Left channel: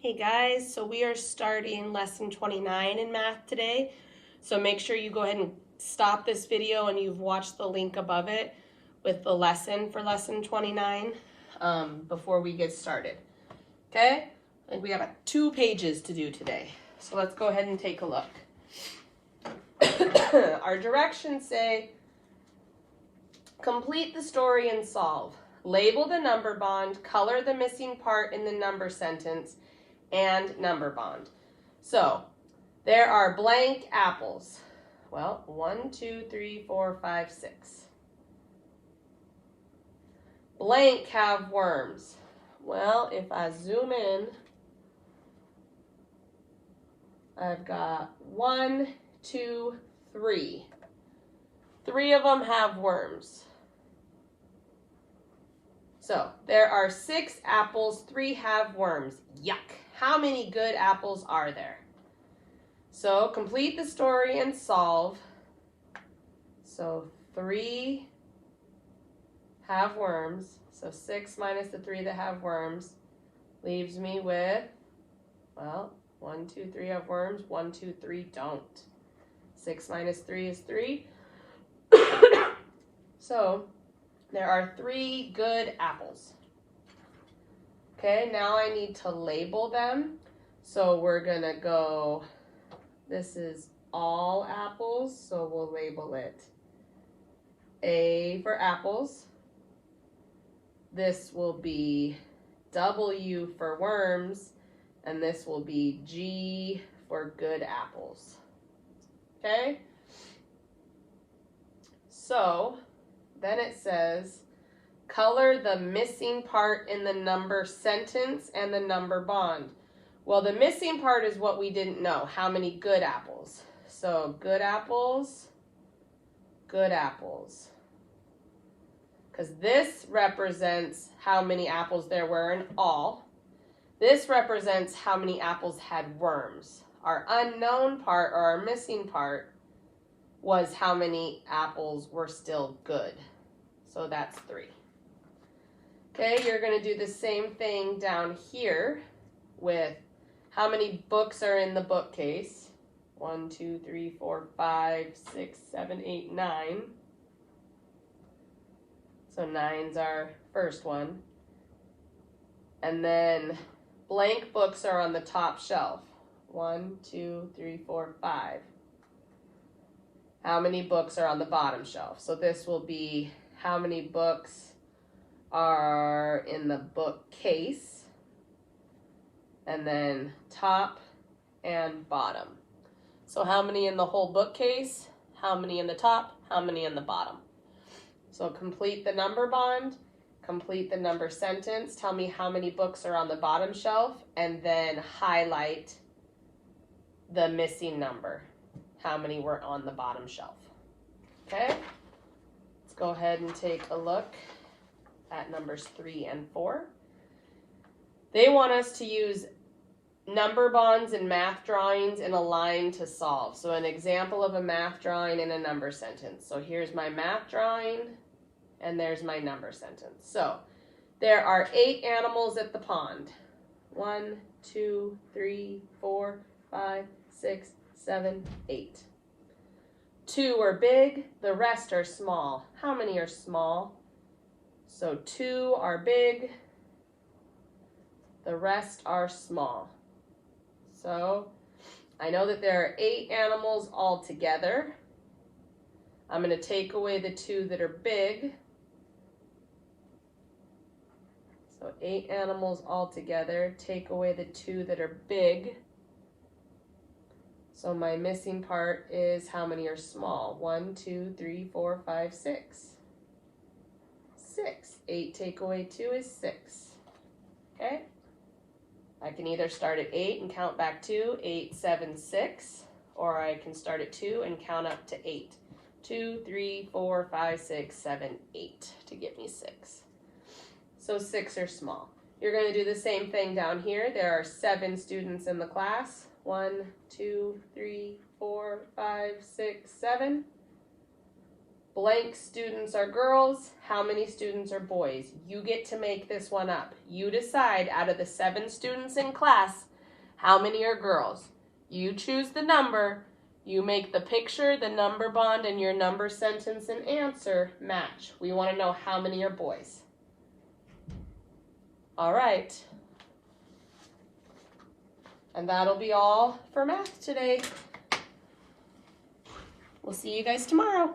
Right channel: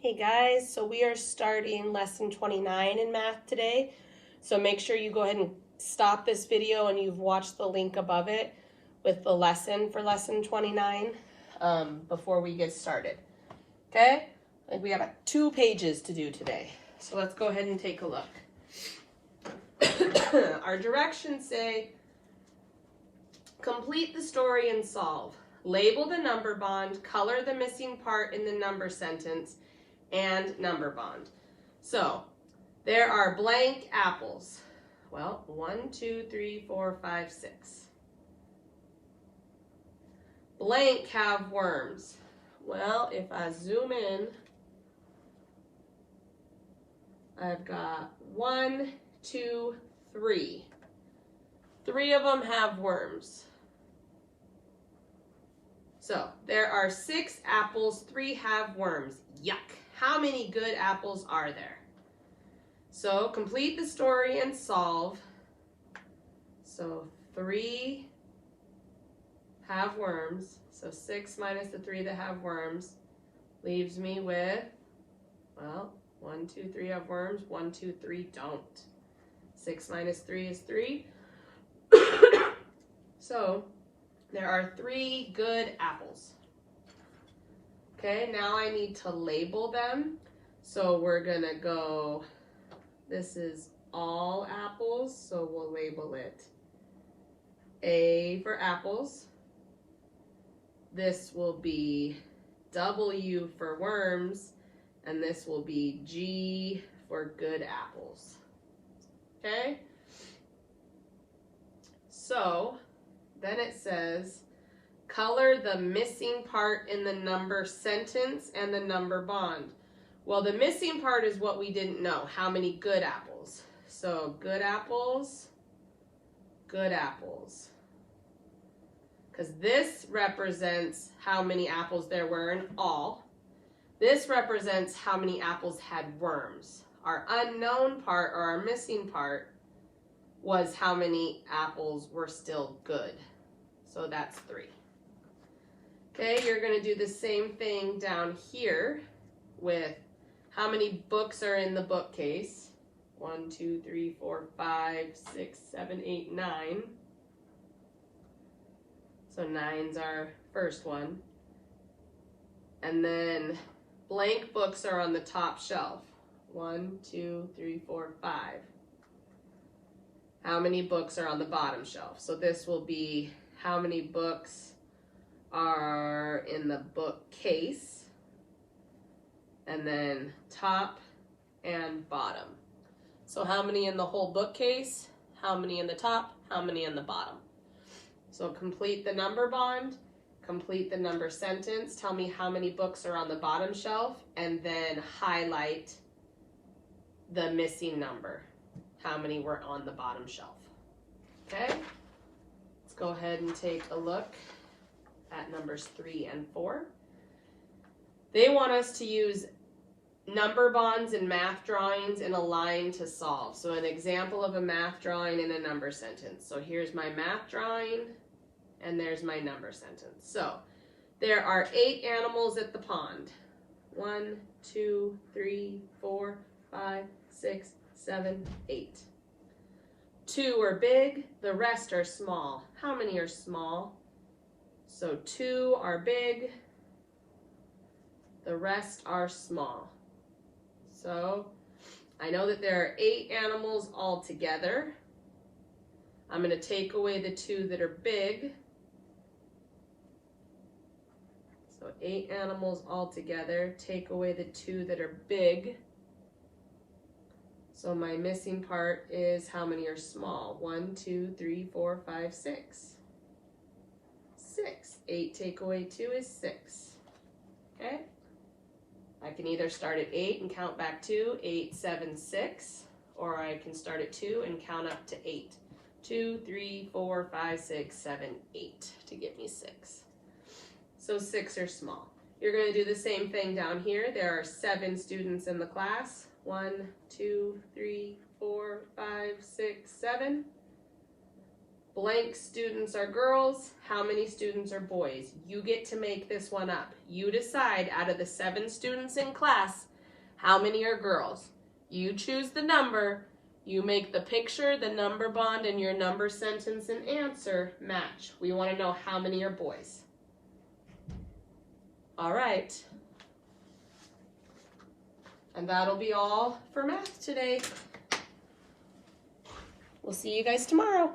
Hey guys, so we are starting lesson 29 in math today. So make sure you go ahead and stop this video and you've watched the link above it with the lesson for lesson 29 before we get started. Okay? Like we have 2 pages to do today. So let's go ahead and take a look. Our directions say, complete the story and solve. Label the number bond, color the missing part in the number sentence, and number bond. So there are blank apples. Well, 1, 2, 3, 4, 5, 6. Blank have worms. Well, if I zoom in, I've got 1, 2, 3. 3 of them have worms. So there are 6 apples, 3 have worms. Yuck. How many good apples are there? So complete the story and solve. So 3 have worms. So 6 minus the 3 that have worms leaves me with, well, 1, 2, 3 have worms, 1, 2, 3 don't. 6 minus 3 is 3. So there are 3 good apples. Okay, now I need to label them. So we're gonna go, this is all apples, so we'll label it A for apples. This will be W for worms, and this will be G for good apples. Okay? So then it says, color the missing part in the number sentence and the number bond. Well, the missing part is what we didn't know. How many good apples? So good apples, good apples. Because this represents how many apples there were in all. This represents how many apples had worms. Our unknown part, or our missing part, was how many apples were still good. So that's 3. Okay, you're going to do the same thing down here with how many books are in the bookcase. 1, 2, 3, 4, 5, 6, 7, 8, 9. So 9's our first one. And then blank books are on the top shelf. 1, 2, 3, 4, 5. How many books are on the bottom shelf? So this will be how many books are in the bookcase, and then top and bottom. So how many in the whole bookcase, how many in the top, how many in the bottom. So complete the number bond, complete the number sentence, tell me how many books are on the bottom shelf, and then highlight the missing number, how many were on the bottom shelf. Okay, let's go ahead and take a look at numbers 3 and 4. They want us to use number bonds and math drawings in a line to solve. So an example of a math drawing in a number sentence. So here's my math drawing, and there's my number sentence. So there are 8 animals at the pond. 1, 2, 3, 4, 5, 6, 7, 8. 2 are big, the rest are small. How many are small? So 2 are big, the rest are small. So I know that there are 8 animals altogether. I'm going to take away the 2 that are big. So 8 animals altogether, take away the 2 that are big. So my missing part is how many are small? 1, 2, 3, 4, 5, 6. 6. 8 take away 2 is 6. Okay? I can either start at 8 and count back 2, 8, 7, 6, or I can start at 2 and count up to 8. 2, 3, 4, 5, 6, 7, 8 to get me 6. So 6 are small. You're going to do the same thing down here. There are 7 students in the class. 1, 2, 3, 4, 5, 6, 7. Blank students are girls. How many students are boys? You get to make this one up. You decide out of the 7 students in class, How many are girls? You choose the number. You make the picture, the number bond, and your number, sentence, and answer match. We want to know how many are boys. All right. And that'll be all for math today. We'll see you guys tomorrow.